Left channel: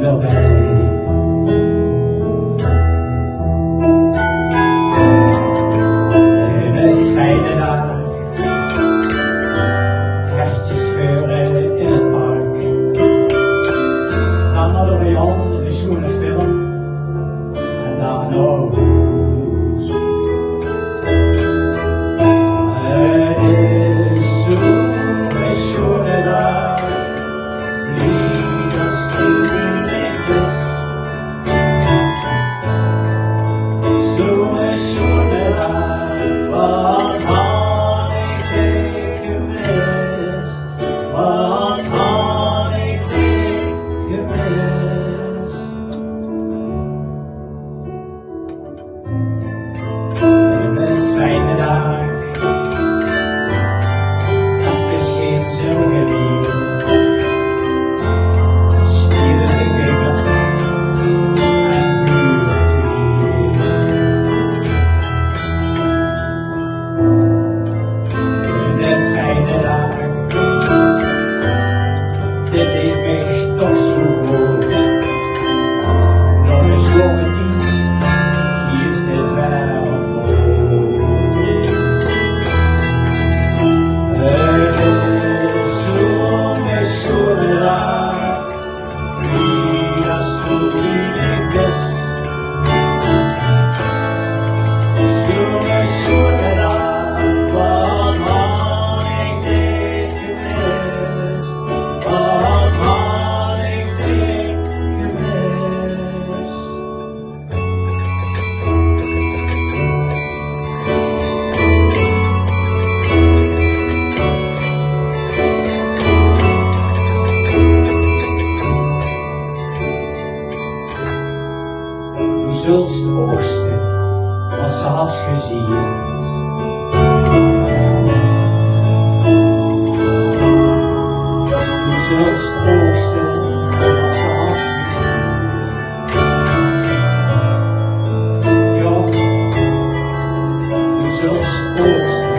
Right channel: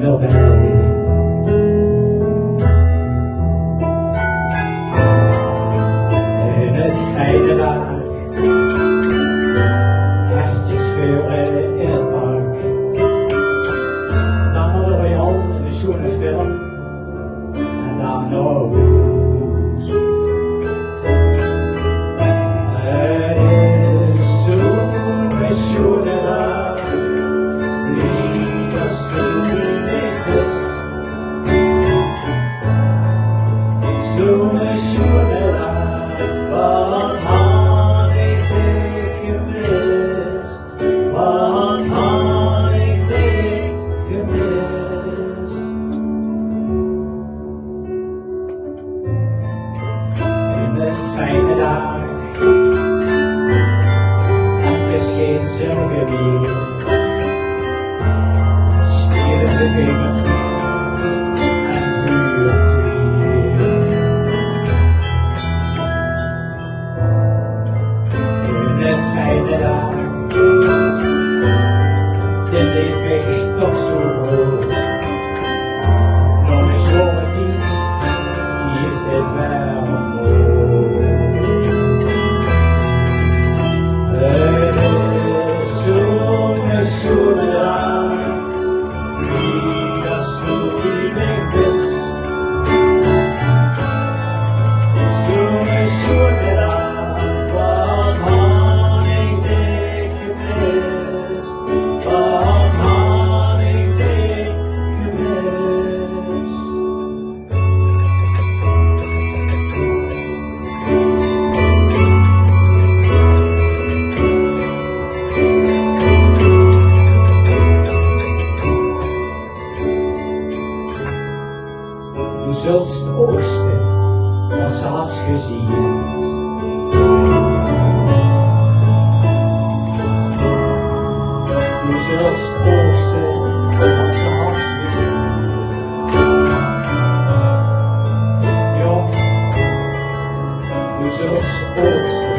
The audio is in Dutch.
dichterbij. In het fijne dag, hertjes veuren in het park. Dan hadden we al een schone film en dan nog. Het is zo'n schone dag, liefste liefdes. Zo'n schone dag, wat had ik dich gemist, wat had ik dich gemist. In een fijne dag, geen zorgen meer, spelen we gamer en vuurtwier. In een fijne dag, dit heeft mij toch zo groot. Nog een schone tijd, geeft dit wel op. Zo'n dag, wie als du liefig bist. Zo'n dag, wat had ik dich gemist, wat had ik dich gemist. Du zult oogsten, zoals je ziet. Du zult oogsten, zoals je ziet. Ja, du zult oogsten.